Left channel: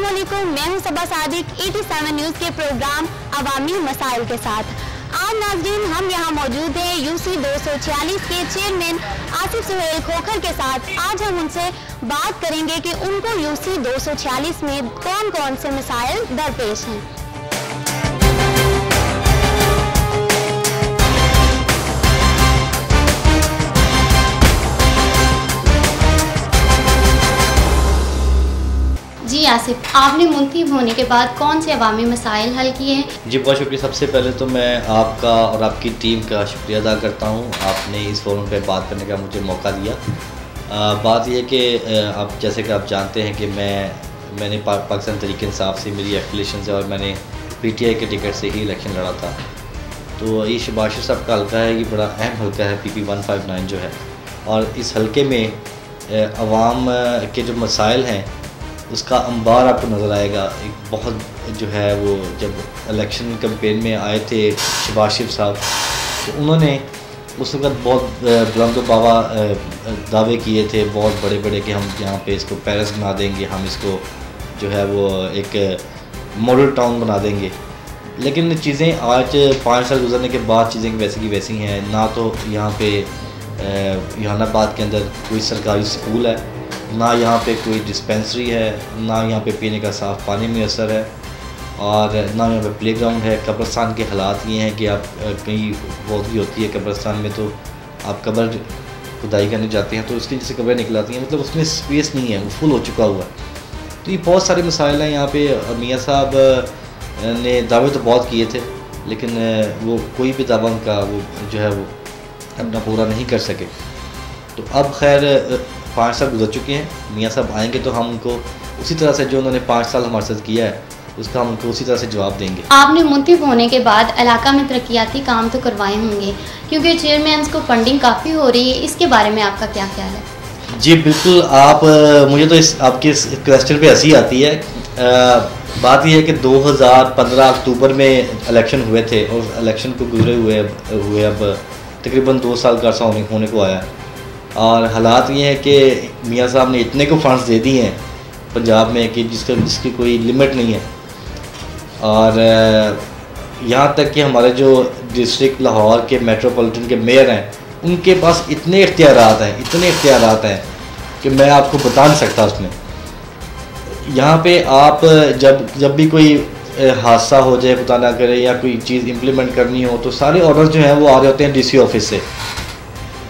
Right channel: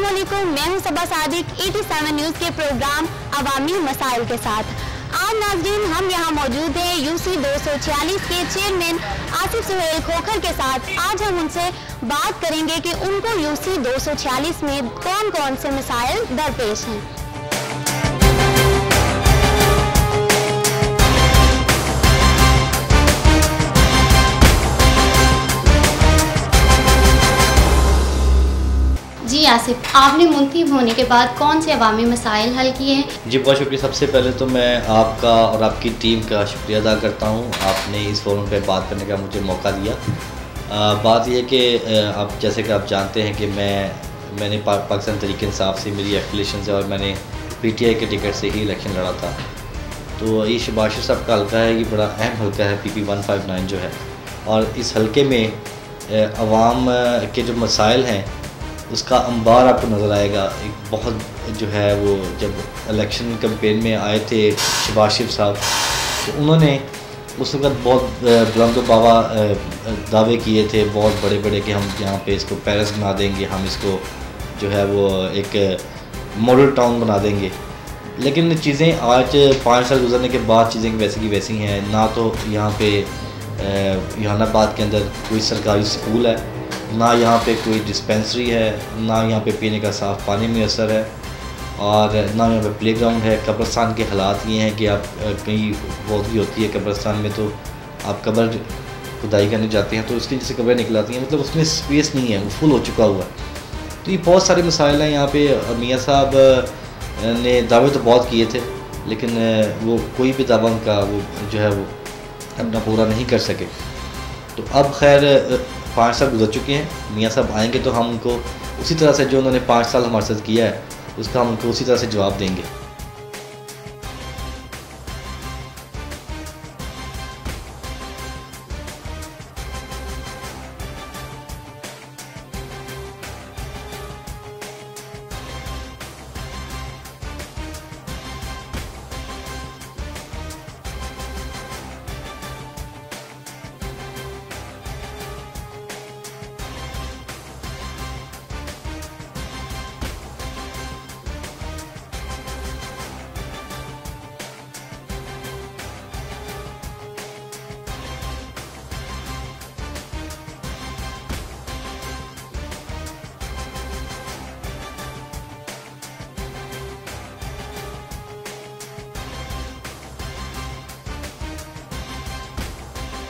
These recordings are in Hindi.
अस्सलामुअलैकुम, मैं हूं सबा सादिक 87 न्यूज़ के प्रोग्राम अवामी मसाइल के साथ। आज नाज़रीन हम यहां मौजूद हैं यूसी 246 के चेयरमैन आसिफ सुहेल खोखर के साथ। आज हम उनसे बात करेंगे कि उनको यूसी 246 में कौन कौन से मसाइल दरपेश हैं। जी आसिफ, आपने मुंतखब होने के बाद कौन से अवामी मसाइल हल किए हैं? जी बहुत शुक्रिया। सबसे पहले तो मैं आपका और आपकी टीम का शुक्रिया अदा करता हूँ, आपने इस फोरम पे बात करने का मुझे मौका दिया। बात यह कि आप जैसे कि आप जानते हैं कि मैंने पाकिस्तान तहरीक इंसाफ से मेरी एफिलिएशन है और मैंने PTI के टिकट से ही इलेक्शन लड़ा था। तो ये शबाशिर साहब का हल्का है, ये बड़ा अहम हल्का है PP 159 जो है, और इस हल्के में अवाम के जो मसाइल हैं उसका अंबार आपको नज़र आएगा। एक बहुत जो है वो जब इलेक्शन कैंपेन में आए थे शबाशिर साहब, तो उन्होंने उस वक्त बहुत बुलंद बावा दावे किए थे, बहुत बड़े बड़े, कि हम यहाँ पे इसको पेरिस बना देंगे, हम इसको जो है वो एक मॉडल टाउन बना देंगे। लेकिन चीज़ें आज 5 साल गुजरने के बाद चीज़ें वैसी की वैसी हैं। ना तो यहाँ पे जहानाबाद के अंदर कोई सरकारी स्कूल है, ना यहाँ पे कोई डिस्पेंसरी है, ना यहाँ पे पीने का साफ़ पानी मैसर है, और ना यहाँ पे प्लेग्राउंड है। कब्रिस्तान के हालात ये हैं कि आप कहीं बहुत भी होती है कब्रिस्तान में, तो आप कब्र खुदाई करने जाते हैं तो उसकी जैसे कब्रें निकल आती हैं, मतलब उसमें स्पेस नहीं है, वो फुल हो चुका हुआ है। तो ये बहुत सारे मसाइल हैं यहाँ पे। मियाँ साहब ने दावे तो बहुत किए थे, लेकिन वो कोई भी दावा उनका वो जो है वो अपना पूरा नहीं कर सके। तो अब खैर 5 साल गुजर चुके हैं, मियाँ साहब आएंगे तो हम उनको उसी तरह से जो उन्होंने 5 साल हमारे साथ किया है उसका हम उनको उसी तरह से जवाब देंगे। आपने मुंतखब होने के बाद इलाका में तरक्याती काम तो करवाए होंगे, क्योंकि चेयरमैन को फंडिंग काफ़ी हो रही है, इसके बारे में आपका क्या ख्याल है? जी बिल्कुल, आप मुझे तो आपके इस क्वेश्चन पे हंसी आती है। बात यह है कि 2015 अक्टूबर में इलेक्शन हुए थे, और इलेक्शन को गुजरे हुए अब तकरीबन 2 साल का अर्सा होने को आया, और हालात ये हैं कि मियाँ साहब ने इतने को फंड्स दे दिए हैं पंजाब में कि जिसकी कोई लिमिट नहीं है। और यहाँ तक कि हमारे जो डिस्ट्रिक्ट लाहौर के मेट्रोपॉलिटन के मेयर हैं, उनके पास इतने इख्तियारात हैं कि मैं आपको बता नहीं सकता। उसमें यहाँ पे आप जब भी कोई हादसा हो जाए, खुदा ना करे, या कोई चीज़ इम्प्लीमेंट करनी हो, तो सारे ऑर्डर जो हैं वो आ रहे होते हैं DC ऑफिस से।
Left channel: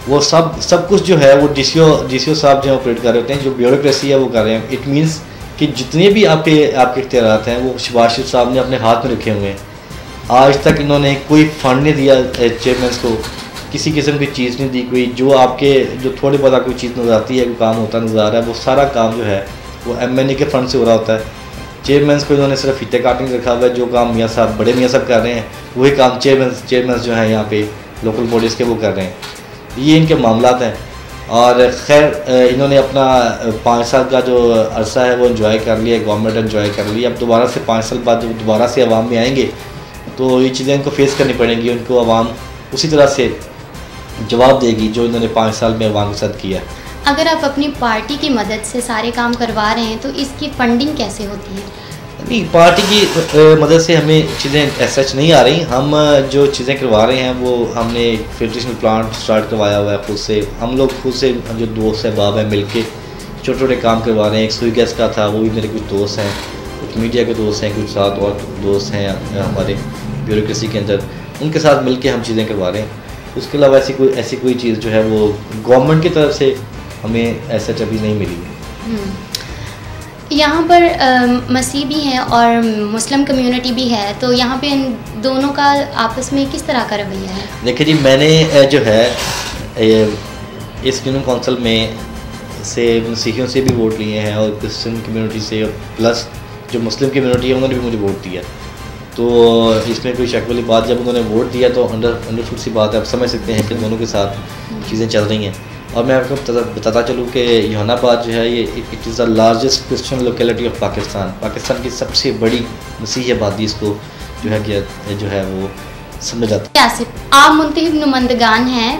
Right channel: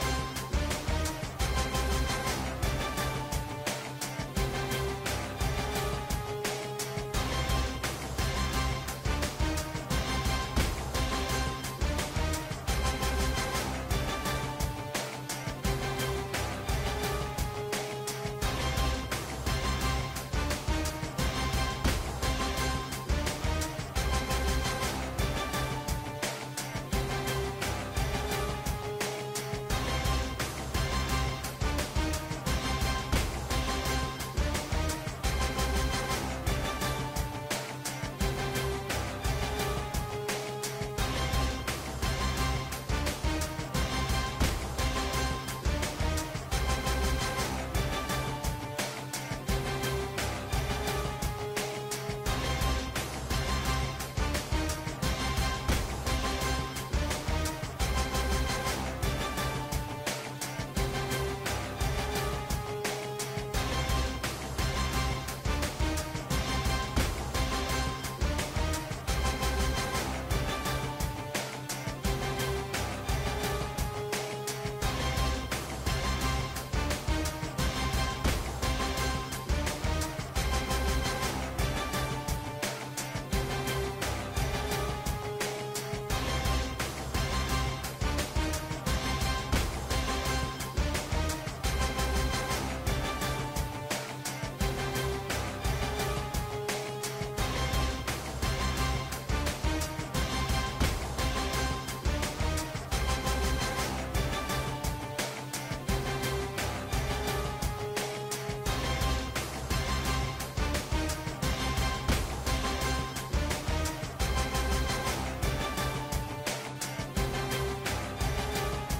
वो सब कुछ जो है वो DCO साहब जो है ऑपरेट कर रहे होते हैं, जो ब्यूरोक्रेसी है वो कर रहे हैं। इट मीन्स कि जितने भी आपके इख्तियारात हैं वो शबाशिर साहब ने अपने हाथ में रखे हुए हैं। आज तक इन्होंने कोई फंड नहीं दिया चेयरमैन को, किसी किस्म की चीज़ नहीं दी। कोई जो थोड़ी बहुत कोई चीज़ नजर आती है, कोई काम होता नजर आ रहा है, वो सारा काम जो है वो MNA के फंड से हो रहा होता है। चेयरमैन को इन्होंने सिर्फ फीते काटने रखा हुआ है। जो काम बड़े मियाँ साहब कर रहे हैं वही काम चेयरमैन जो है यहाँ पे लोकल बॉडीज़ के वो कर रहे हैं। ये इनके मामलात हैं। और खैर इन्होंने अपना 5 साल का जो अरसा है वो एंजॉय कर लिया, गवर्नमेंट एंजॉय कर ली। अब दोबारा से 5 साल बाद दोबारा से अवाम में आएंगे तो ये चीज़ें इनको फेस करनी पड़ेंगी। उनको अवाम उसी तरह से जवाब देगी जो इन्होंने 5 साल में अवाम के साथ किया। अगर आप अपनी पार्टी की मदद से सारे काम करवा रहे हैं तो इसकी फंडिंग कैसे होती है? पार्टी की मदद से हमें चीज़ें ऐसा नहीं आ रही। हम जो चीज़ें करवा रहे हैं वो हमने फिल्ट्रेशन प्लांट स्टार्ट करवाया हुआ है खुद से। हम लोग खुद से जो दोस्त अहबाब हैं मिल के छोटे छोटे काम करवा रहे हैं। एक सुई गैस का था, वो भी मेरे कुछ दोस्त हैं, कुछ मीडिया के दोस्त हैं, कुछ साथ और दोस्त हैं हमारे ब्यूरोक्रेसी के अंदर, उनके साथ मिल के हम चीज़ें करवा रहे हैं। उसके अलावा ऐसी कोई चीज़ जो है वो गवर्नमेंट की तरफ से हमें ऐसा कभी नहीं मिली। यहाँ पर मसीह भी हैं और मुस्लिम कम्युनिटी भी है, तो यहाँ पे इन दोनों का आपस में किस तरह का रवैया है? देखिए जी, मैंने जो है इस यूनियन काउंसिल में से मसीहियों से भी वोट लिए हैं, और क्रिश्चियन कम्युनिटी से, प्लस जो मुस्लिम कम्युनिटी है उन्होंने भी मुझे वोट दिया। तो इसमें कोई शक वाली बात, जब उन्होंने वोट दिया तो अंडरस्टूड सी बात है, आप समझ सकते हैं कि दोनों के साथ चीज़ें चल रही हैं। और मैं आपको बताता चलूँ कि जहानाबाद जो है ये it is the largest Christian locality of Pakistan की सबसे बड़ी मसीही आबादी इसको जो है वो समझ जाता है। आप मुंतखब नुमाइंदगान हैं,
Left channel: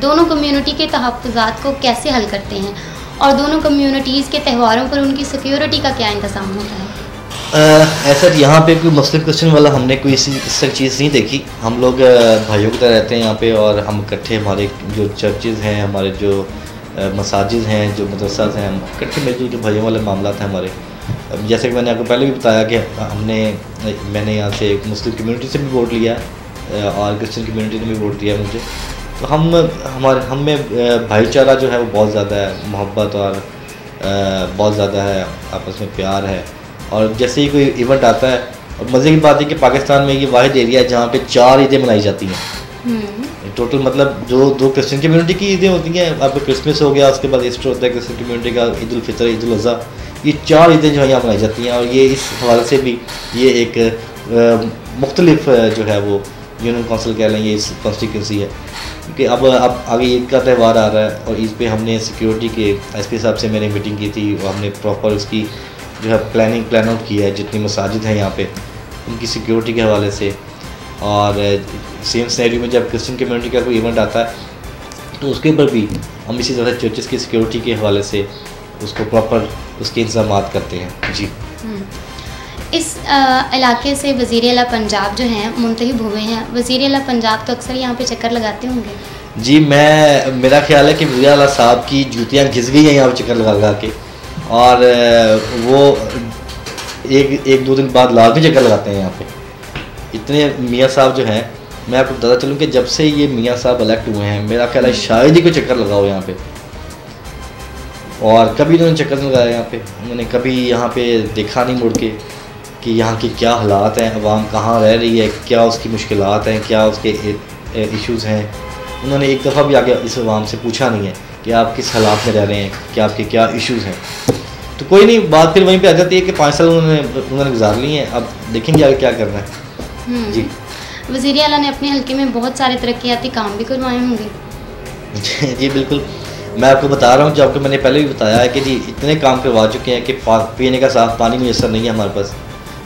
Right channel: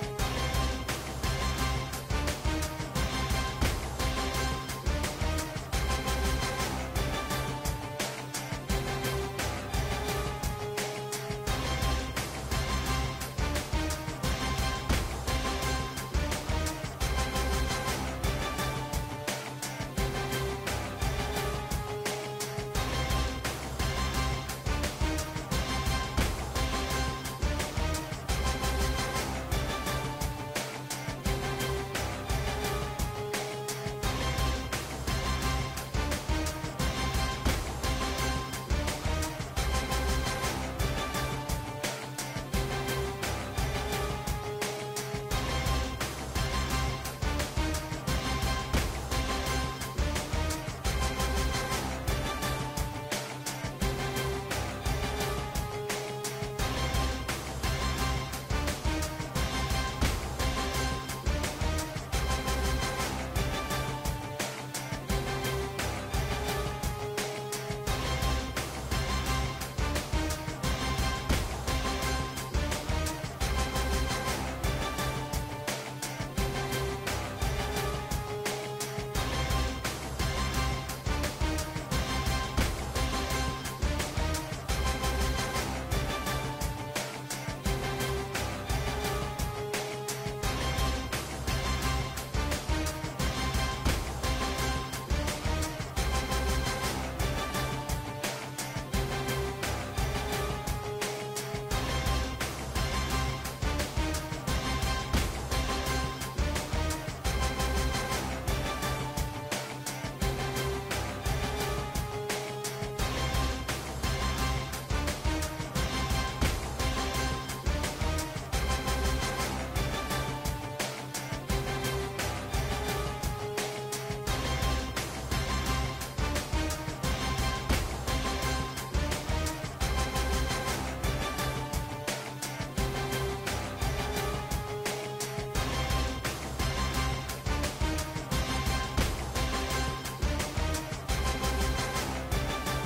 दोनों कम्युनिटी के तहफ़्फ़ुज़ात को कैसे हल करते हैं और दोनों कम्युनिटीज़ के त्योहारों पर उनकी सिक्योरिटी का क्या इंतज़ाम होता है? ऐसा यहाँ पे कोई मुस्लिम क्रिश्चियन वाला हमने कोई इस तरह चीज़ नहीं देखी। हम लोग भाइयों की तरह रहते हैं यहाँ पे, और हम इकट्ठे, हमारे जो चर्चेज़ हैं, हमारे जो मसाजिद हैं, जो मदरसाज हैं, हम इकट्ठे मिलजुल के भाइयों वाले मामला हैं हमारे। जैसे कि मैंने आपको पहले भी बताया कि मैंने यहाँ से मुस्लिम कम्युनिटी से भी वोट लिया और क्रिश्चियन कम्युनिटी ने भी वोट दिया मुझे। तो हम में भाईचारा जो है वो बहुत ज़्यादा है, मोहब्बत और बहुत ज़्यादा है, आपस में प्यार है। और जैसे ही कोई इवेंट आता है, और मज़े की बात है कि पाकिस्तान में ये वाहिद एरिया है जहाँ पे 4 ईदें मनाई जाती हैं टोटल। मतलब जो 2 क्रिश्चियन कम्युनिटी की ईदें होती हैं, आपका क्रिसमस हो गया, उसके बाद ईस्टर होता है क्रिश्चियन कम्युनिटी का, ईद उल फितर, ईद उल अज़हा, ये 4 ईदें जो है यहाँ मनाई जाती हैं। और ये इस हवाले से भी ये एक मुख्तलिफ जो है वो यूनियन काउंसिल कह लेंगे, इस कॉन्स्टिट्यूंसी है कि अब आगे ईद का त्यौहार आ रहा है, और ईद पे हमने सिक्योरिटी के एसपी साहब से मैंने मीटिंग की थी, और हमने प्रॉपर इसकी जो है प्लान आउट किया है जितनी मसाजिद हैं यहाँ पे उनकी सिक्योरिटी के हवाले से। और सेम सिनेरियो में जब क्रिश्चियन कम्युनिटी का कोई इवेंट आता है तो उसके ऊपर भी हम इसी तरह चर्चेस की सिक्योरिटी के हवाले से उसको प्रॉपर उसके इंतजाम करते हैं। जी, इस इलाके से वज़ीर आला पंजाब जो हैं मुंतखब हुए हैं। वज़ीर आला पंजाब तो अक्सर यहाँ पे चक्कर लगाते होंगे। जी, मेरा ख्याल है कि वज़ीर आला साहब की जूतियाँ घिस गई हैं यहाँ पे चक्कर लगा के, और वो एक दो दिन बाद लाजमी चक्कर लगाते हैं यहाँ पे। इतने मियाँ साहब जो हैं, मैं आपको बताता चलूँ कि जब से ये मियाँ साहब इलेक्ट हुए हैं, मेरा ख्याल है शायद ही कोई चक्कर लगाओ यहाँ पे, और कभी उन्होंने चक्कर नहीं लगाया यहाँ पे। उन्होंने कभी यहाँ पे देखा नहीं मुड़ के कि यहाँ के क्या हालात हैं, अवाम कहाँ रह रही है, क्या उसकी मुश्किलात हैं, क्या उसके इश्यूज़ हैं। उन्होंने एक दफ़ा भी आगे इस अवाम से पूछा नहीं है कि आप किस हालात में रह रहे हैं, कि आपके क्या इश्यूज़ हैं। तो कोई नहीं, बात फिर वहीं पे आ जाती है कि 5 साल उन्होंने गुजार लिए हैं, अब देखेंगे आगे क्या करना है। जी, वज़ीर आला ने अपने हल्के में बहुत सारे तरक्याती काम भी करवाए होंगे। जी बिल्कुल, मैं आपको बता रहा हूँ, जो आपको मैंने पहले भी बताया है कि जी इतने काम करवा चुके हैं कि पीने का साफ़ पानी मुयसर नहीं है हमारे पास,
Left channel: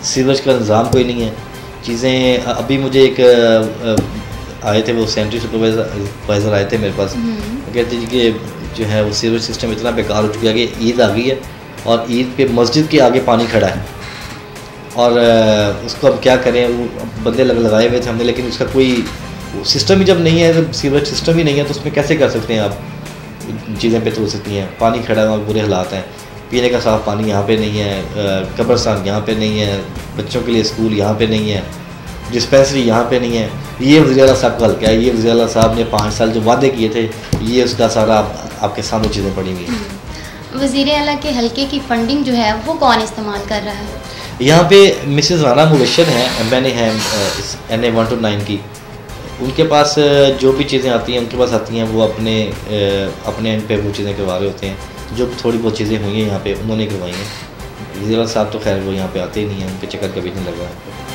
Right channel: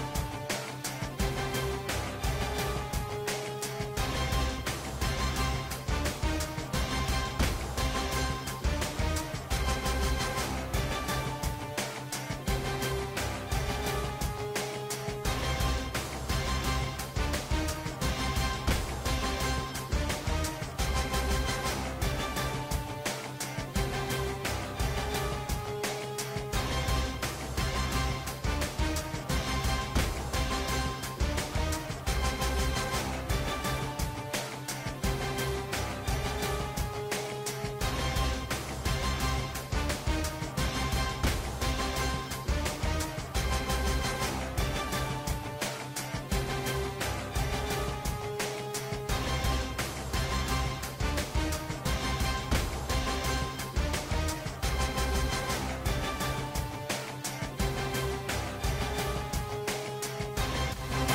सीवरेज का निज़ाम कोई नहीं है। चीज़ें अभी मुझे एक आए थे, वो सेंट्री सुपरवाइज़र आए थे मेरे पास, कहते हैं कि जो है वो सीवरेज सिस्टम इतना बेकार हो चुका है कि ईद आ गई है और ईद पे मस्जिद के आगे पानी खड़ा है, और उसको अब क्या करें। वो बंदे लगाए हुए थे हमने, लेकिन उसका कोई सिस्टम ही जब नहीं है, जब सीवरेज सिस्टम ही नहीं है, तो उसमें कैसे कर सकते हैं आप चीज़ें पे तो सकती हैं। पानी खड़ा है और बुरे हालात हैं, पीने का साफ़ पानी यहाँ पे नहीं है, कब्रस्तान यहाँ पे नहीं है, बच्चों के लिए स्कूल यहाँ पे नहीं है, डिस्पेंसरी यहाँ पे नहीं है। ये वज़ीर आला साहब का हल्का है, ये वज़ीर आला साहब ने 5 साल जो वादे किए थे, ये उसका सारा आपके सामने चीज़ें पड़ी हुई हैं। वज़ीर आला के हल्के की फंडिंग जो है वो कौन इस्तेमाल कर रहा है? यहाँ पे मिसेज़ राना मुबशर हैं, मैंने हैं NA 1 to 9 की। उनके पास जो भी चीज़ें आती हैं उनके पास आती हैं, वो अपने एंड पे वो चीज़ें करवा रहे होते हैं। जो थोड़ी बहुत चीज़ें हुई हैं यहाँ पे उन्होंने करवाई हैं। वज़ीर साहब तो खैर वो यहाँ पे आते ही नहीं हैं, उनके चक्कर कभी नहीं लगा है।